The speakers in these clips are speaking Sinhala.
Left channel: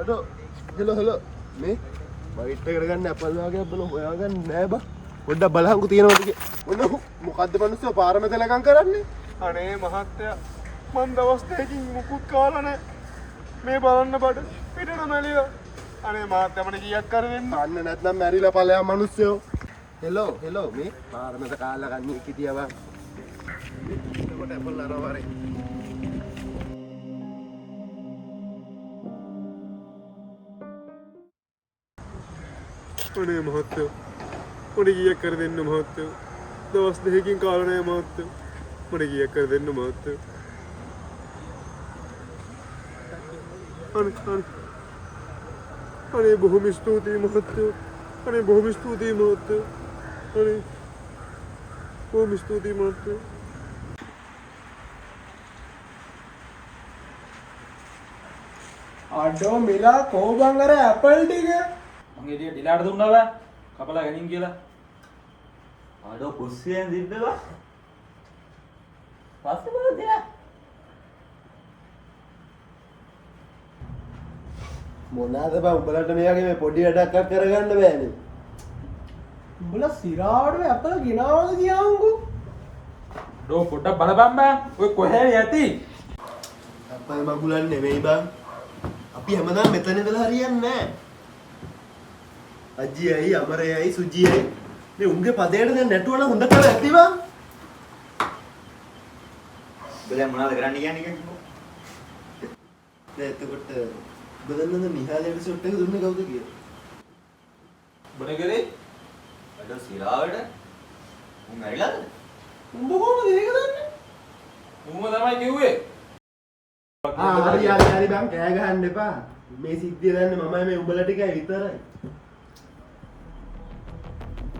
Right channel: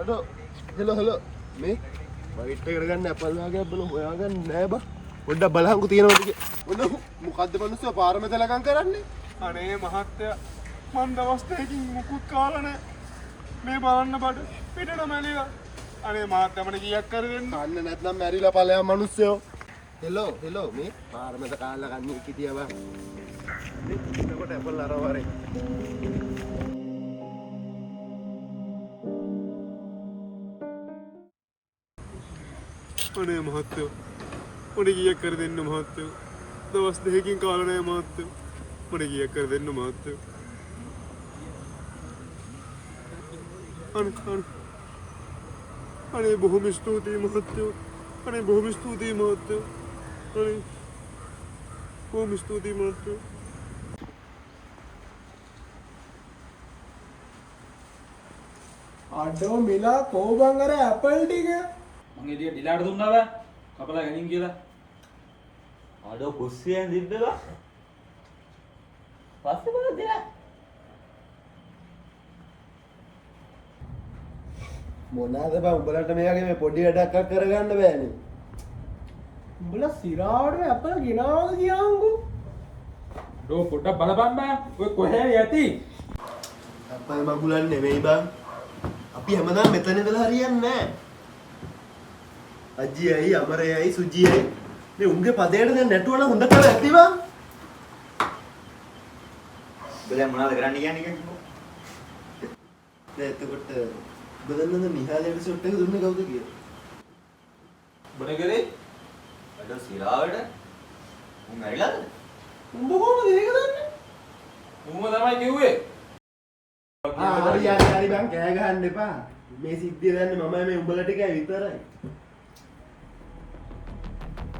අඩෝ හෙලෝ මේ වයිට් එකට ගන්න ඇපල් වගේ බල හොයාගන්න නෑ බා පොඩ්ඩක් බලහන්කෝ තියෙනවද කියලා ඔන්න මොකද්ද මනුස්සයා පාර මැද ලගන් කරන්නේ අනේ මහත්තයා මන් දවස් දෙකකින් මුකුත් කාලා නෑ මේ බලන්න බඩ පිටට මැලිලා අනේ මහත්තයා මට කීයක් කර වෙන්න අන්න නැත්නම් මැරිලා ඵලයන් මනුස්සයෝ හෙලෝ මේ පාර මැද කාලා ගන්නේ කිතියවා එතකොට ඇපල් අරවරේ අනේ මහත්තයෝ මට කීයක් කර දෙන්න මහත්තයෝ දවස් දෙකකින් කාලා නෑ මහත්තයෝ මට කීයක් කර දෙන්න මහත්තයෝ අනේ බොහොම ස්තුතියි මහත්තයෝ අනේ බොහොම ස්තුතියි මහත්තයෝ අනේ බොහොම ස්තුතියි මහත්තයෝ අඩෝ මිලා කොහොමද අර ඇපල් ටික මං එළිය ඩිලාට දුන්නා බෑ කපලා ගනින් කියලා ආඩෝ කුස්සියෙන් දිද්දලා පස්සේ බලද දෙනා මොනවාද බං උඹලට මේ වගේ මේ පොඩි වැඩක් කරගන්න බෑනේ උඹලා සිරාවට ඇපල් ගිනවද කියන්කෝ ඩෝ පොඩ්ඩක් බලපන් බෑ ඔය කොහේ යති අප්පයි මගුලන් නෙමෙයි බං අපි හැමදාම මෙතන ඉඳලා හරියන්නේ නැහැ අජ්ජියයි අමරයයි සුජියයි මේ උන්ගේ පදේට දැන් නැටුවන හොඳ කර ඇති බං බෙලෙන් මොනවද කරන්න කියන්නේ කිව්වෝ දැන් එතකොට බදන්නද නිහාලයට සොට් එක දුන්නේ කවුද කියලා බොන කරේ අද සිරාවට උන් මැරිලාද උඹ කොහොමද ඒක දන්නේ උඹම තමයි කිව්වේ හරි බං කෑ ගහන්න එපා මේ සිද්ධිය දන්නේ මමයි මේ උඹලා ටිකයි විතරයි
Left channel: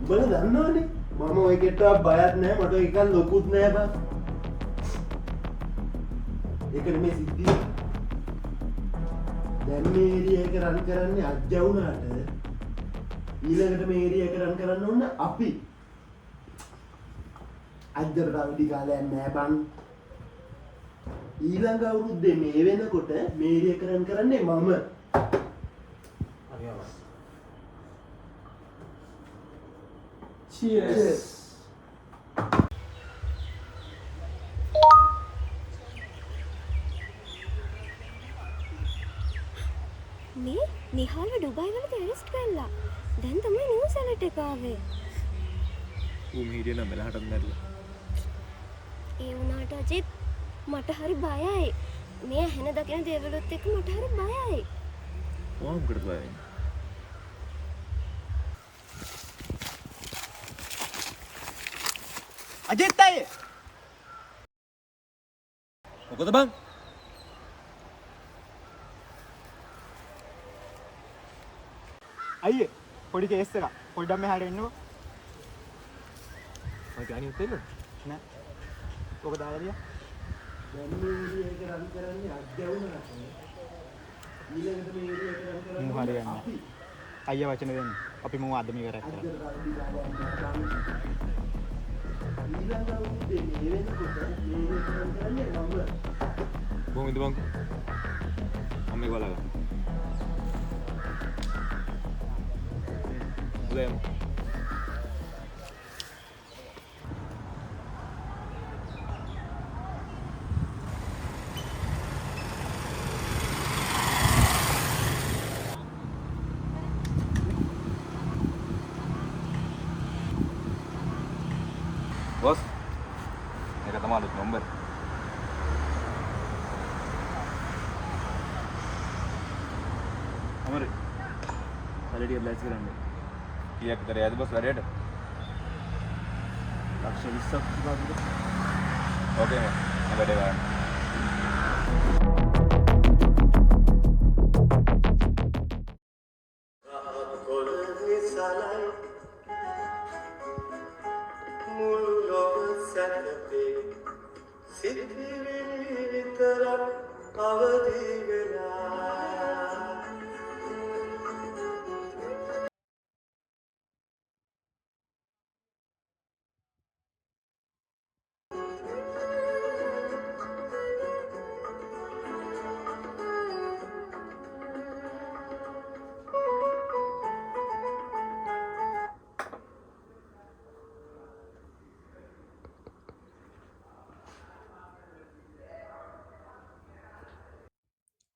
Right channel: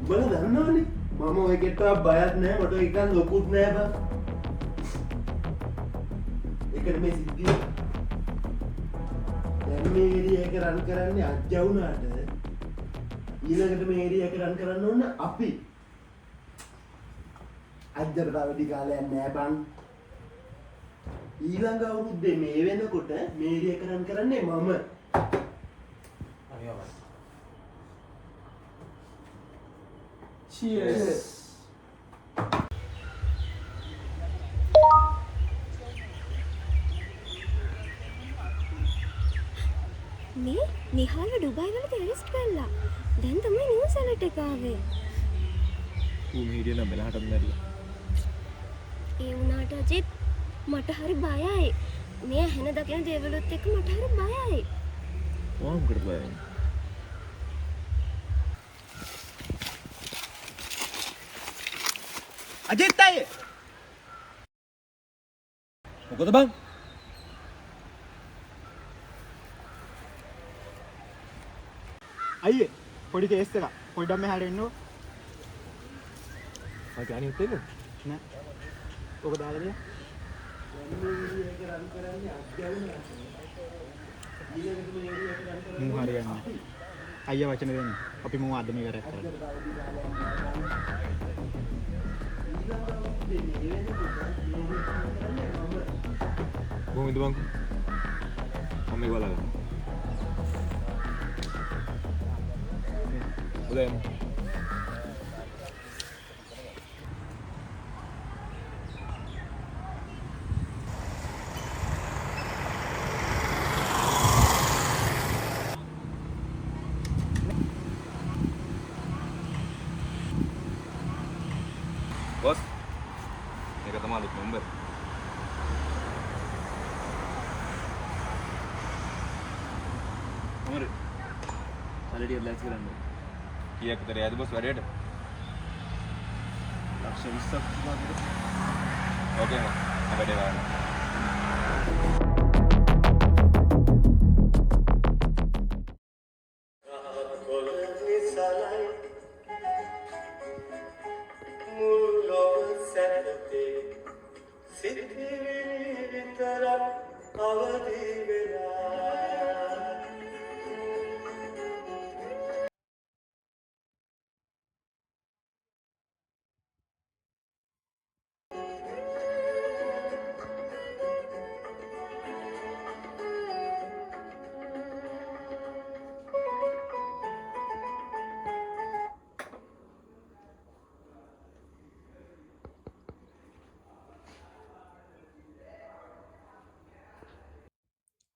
උඹලා දන්නවනේ මම ඔය කෙට්ටක් බයත් නැහැ මට එකක් ලොකුත් නැහැ බං ඒකනේ මේ සිද්ධිය දැන් මේ ඒරියා එක රන් කරන්නේ අජ්ජා වුණාට ඊළඟට මේ ඒරියා එක රන් කරන්න ඕන අපි අජ්ජට අවදි කාලයක් නැහැ බං ඊළඟ අවුරුද්දේ මේ වෙනකොට මේ ඒරියා එක රන් කරන්නේ මම හරියම Cheers. මේ නිහාල ඩුබායි වල ටෙරිස්ට් කළා. දැන් තමයි නිවුස් වලට එක ආවේ. ඌ මීඩියා නම් මෙලහටත් මැරිලා ඒ වුණාට අජිත් මට හරි බයයි. මේ ඇහෙන දකින දේවලුත් එක්ක මට හරි බයයි. ඔයා මොකටද බය වෙන්නේ අජිත් අය මොකද බං අයියේ පොඩි කේස් එකක් පොඩ්ඩක් මෙහාට එන්නකෝ මට අනිත් එන්න නෑ ඔක දාලා දියා දැන් මේ ඒරියා එක රන් කරන්නේ අජ්ජා වුණාට ඊළඟට මේ ඒරියා එක රන් කරන්නේ මු හරියන්නේ අයියා වචන දෙන්න අපි මු අදම ඉවරයක් කරමු ඊළඟ අවුරුද්දේ මේ වෙනකොට මේ ඒරියා එක රන් කරන්නේ මම කොහොමද බංකෝ මම මේක බලගන්න උදේම බොස් මේක තමයි අලුත් නම්බර් අමරි සැලරිය ලෑස්ති කරන්න කීයක් විතර යයිද බොස් වැඩේට ලක්ෂ 20ක් විතර ඕකේ මම වැඩේ බලන්න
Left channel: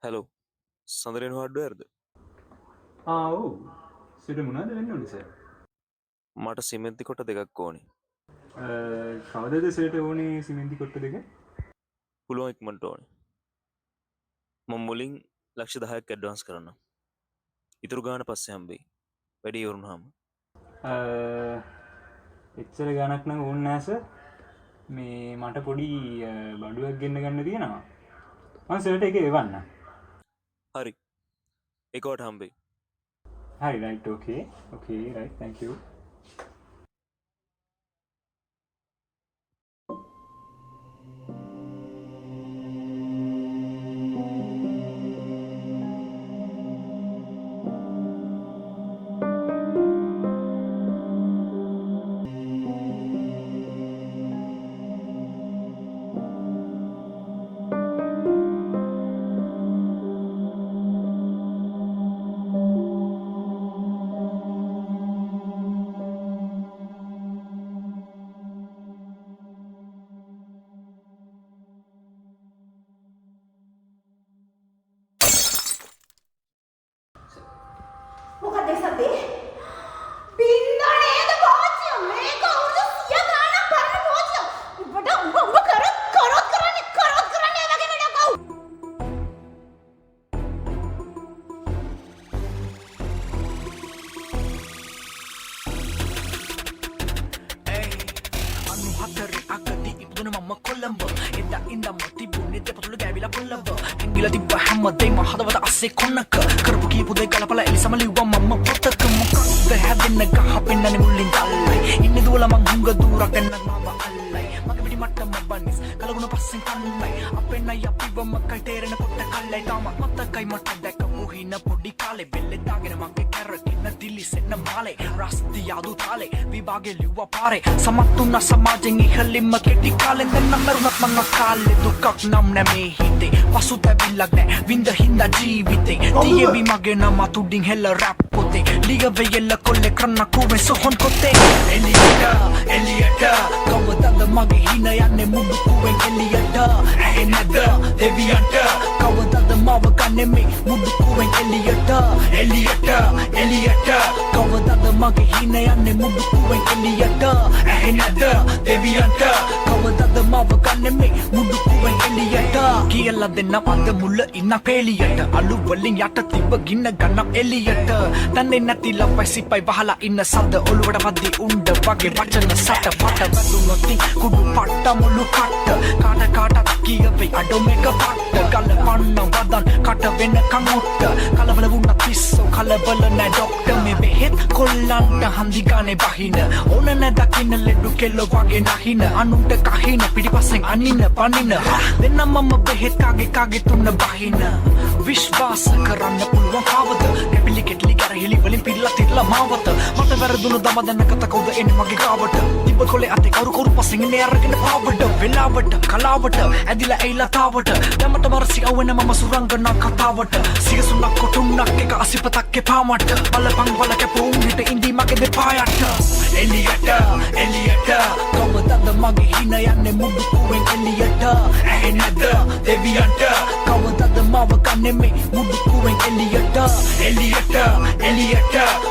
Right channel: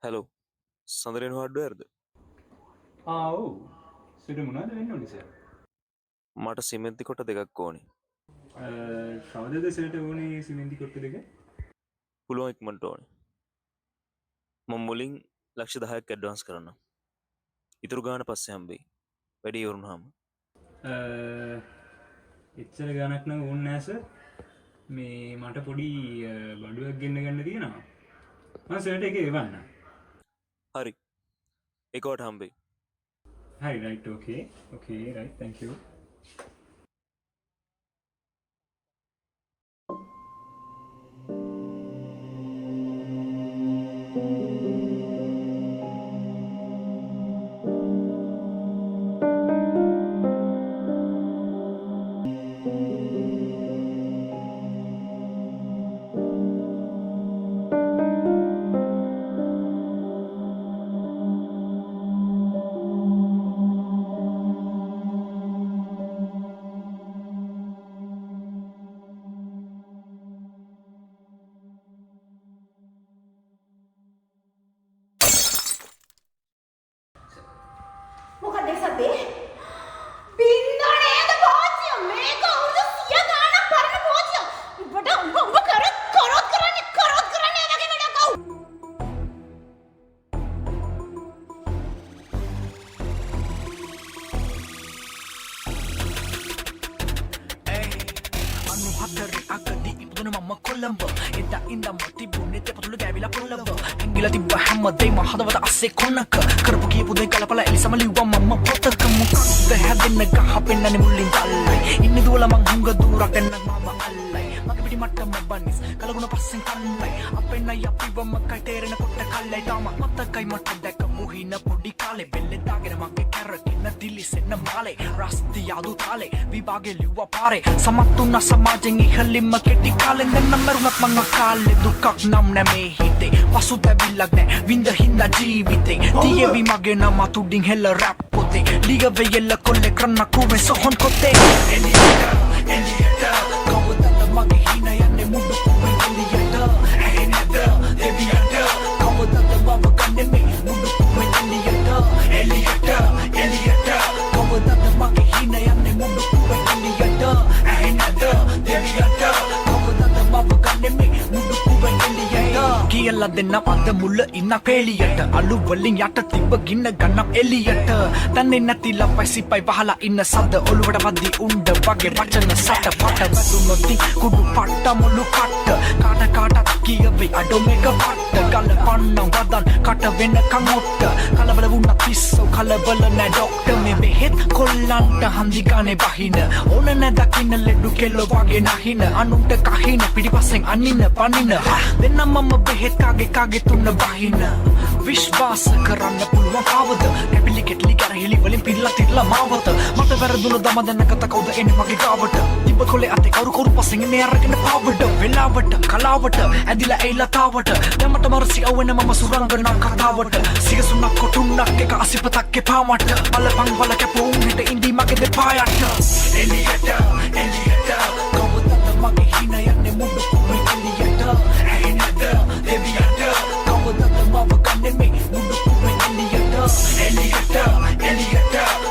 හැලෝ සඳරෙන් හඩ්ඩුවර්ද ඔව් සිට මොනවද වෙන්න ඕනේ සර් මට සිමෙන්ති කොට දෙකක් ඕනේ කවදද සර්ට ඕනේ සිමෙන්ති කොට්ට දෙක පුළුවන් ඉක්මනට ඕනේ මම මුලින් ලක්ෂ 10ක් ඇඩ්වාන්ස් කරන්න ඉතුරු ගාන පස්සේ හම්බෙයි වැඩි ඉවරුනහම එච්චර ගණක් නම් ඕනේ නැහැ සර් මේ මට පොඩි බඩුවක් ගෙන්න ගන්න තියෙනවා මම සර්ට එක එවන්න හරි ඒකට හම්බෙයි හරි right okay right thank you මොකද සතේ බින්දෝ නේද පෝච්චිය මේක අවුරුදු 100 ගානක් පරණ පෝච්චිය උඹට උඹ කරොත් කරන්නේ වගේ වැඩක් අවු අනු හතරේ අගදී ඉපදුන මම කොළඹ එදා ඉඳන්ම තිබුණේ දෙපතුල ගෑවිලා පොළඹ ඇඟිලා තිබ්බ හැමදේම හදවත අස්සේ කොන්නක කරපු කියපු දේ ගලපලා එලිසම ලිව්වා මම පොතක මොකක්ද හැදෙන්න ගහ පෙන්නන්නේ මුලින් තල්ලයි ඉන්නේ දුවලා මං හුඟ දුරක් එන්න මම අල්ලයි මගේ පිටි මට්ටම බනිස් කලගුණ පස්සෙන් කන්නයි අපේ නයි අපිවම කයි තේරෙන කොට කල්ලයි තාම මතකයි මට දැකපු හින පොඩි කාලේ බෙල්ලේ දාගෙන මගේ කැරකින්න දිලිසෙන්න මාලේ රස්ති යාදු තාලේ විභාගේ ලිව්වා පාරේ සමත්තුන සමාජෙන් ඉහළින්ම කෙටි කාලෙන් දෙන්න මරුණත් මං අකාලේ දුකක් නම් නැමේ හිතේ පසුතැවිල්ලක් නෑ විඳ හින්දා ජීවිතේ තියේවි මගේ නම තුඩින් හෙල රැප් පොතේ ලිග වෙයල කොල්ලේ කරන්න කුමේ සොහොන් කොතේ එලියට කවදද මගේ හින යන්නේ මුඩු කුවෙන් එලියට ඇහෙන්නද දෙවියන්ට කවදද මව කන්නේ මේ මුඩු කුවෙන් එලියට කවදද මගේ හින යන්නේ මුඩු කුවෙන් එලියට ඇහෙන්නද දෙවියන්ට කවදද මව කන්නේ මේ මුඩු කුවෙන් එලියට කියලා දෙන්න අද මුල ඉන්න පෙලියට අලු වලින් යට තිබ්බ ගින්න ගන්න එලියට තන්නේ නැති ලපයි සිපයි වහලා ඉන්න සද්ද ඔළුවට වද්දි උණ්ඩ වගේ වචන සට පට වැදුනොත් කුඩු පට්ට මුළු කට්ට කාටත් කියවේ අඩෝ මේක පට්ට ගල පන්නම් වදන් කට වෙනකන් ඔට්ට කලබල වුණත් පිස්සෝ කලබල නෑ ඩොක්ටර් මේ බෙහෙත් කොල්ලන්ට හන්දි ගානේ බහින ඕන නෑ දකින්න ලෙඩු කෙල්ල වගේ නහින අනුන්ට කහින පිටිපස්සෙන් අනින්න පනින දෙන්න මම බෙහෙත් කාගේ තුන්න බහින විශ්වාස කරන්න පුළුවන් කවද කැපිලි කෙටලි කරහිලි වලින් පිරලා තිරලා මාවත මට වැරදුණු දම දැනගත කවුද එන්නේ මගේ ගාවට තිබ්බ කොලේ අතේ කවුරු පස්සෙන් ඉන්නේ අරගෙන පාවඩ වෙලාවට කලාවට ඇදිලා ඇයිලා තාවට දැමට මරසි අවුන මම සුරංගනා කතාවට සිගසුණක් කොටුන්නක් එක අසිපතක් එපා මට බලපං වල කැපුම් හිට ඉඳි මගේ දෙපායට එලියට කවදද මගේ හින යන්නේ මුඩු කුවෙන් එලියට ඇහෙන්නද දෙවියන්ට කවදද මව කන්නේ මේ මුඩු කුවෙන් එලියට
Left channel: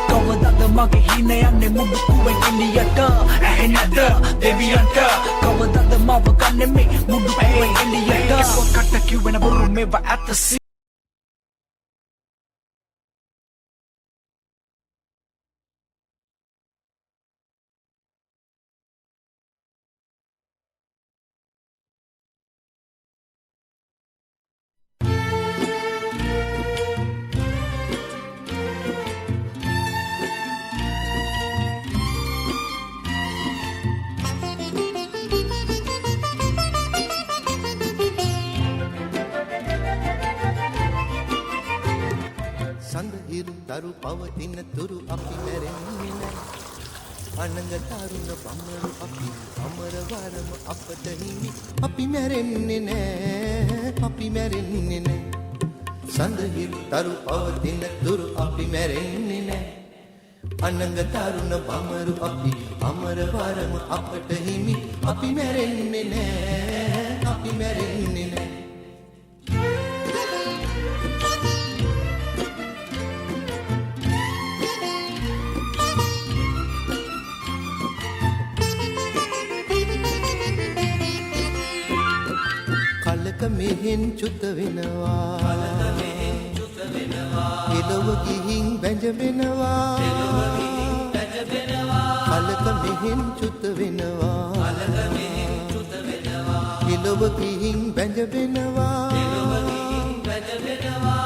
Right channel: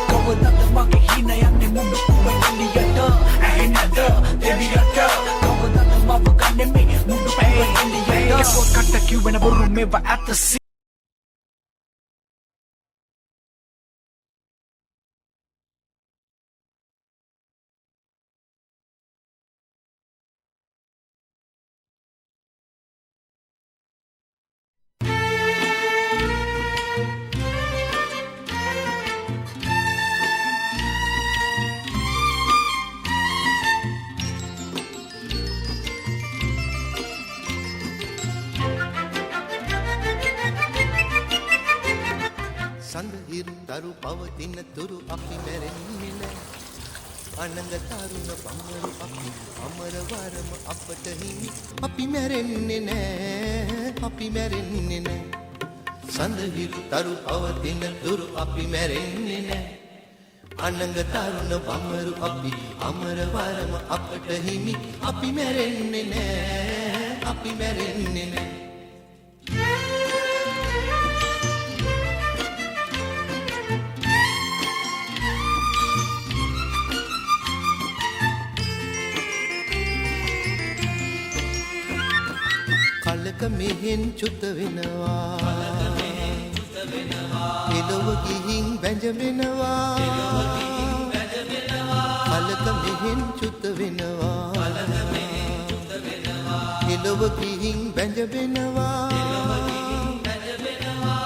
කවදද මගේ හින යන්නේ මුඩු කුවෙන් එලියට ඇහෙන්නද දෙවියන්ට කවදද මව කන්නේ මේ මුඩු කුවෙන් එලියට කොට කිව්වෙන බොරු මේව ඇත්ත සඳහිරු තරු පවතින තුරු අපි මැරෙන්නේ නෑ අනංග තරුණ බම්මරු අපි අමරවරම අපට හිමි අපි මැරෙන්නේ නෑ සඳහිරු තරු පවතින තුරු අපි මැරෙන්නේ නෑ අනංග තරුණ බම්මරු අපි අමරවරම අපට හිමි අපි මැරෙන්නේ නෑ කලක මෙහෙන් චුත වෙනවා එළව ගිහින් බැඳෙනවා කලක මෙහෙන් චුත වෙනවා එළව ගිහින් බැඳෙනවා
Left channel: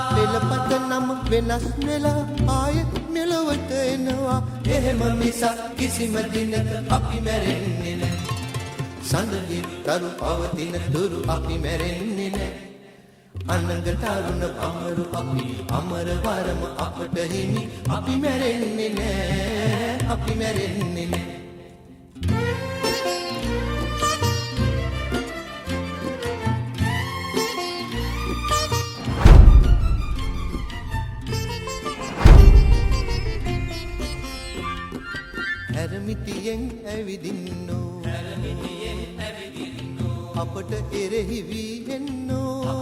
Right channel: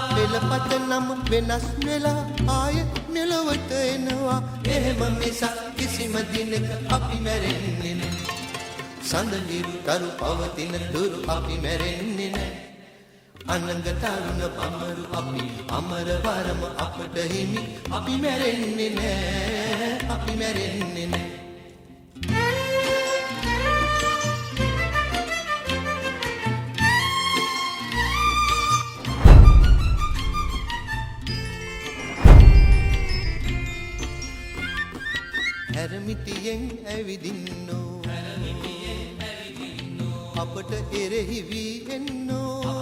පෙළපත නම් වෙනස් වෙලා ආය මෙලොවට එනවා එහෙම මිසක් කිසිම දිනක අපි මැරෙන්නේ නැහැ සඳහිරු තරු පවතින තුරු අපි මැරෙන්නේ නැහැ අනංග තරුණ බඹරු අපි අමර වරම අපට හිමි අපි මැරෙන්නේ නැහැ අපි මැරෙන්නේ නැහැ හැරමිටියෙන් ඇවිදින්නෝ අපට එරෙහි වී එන්නෝ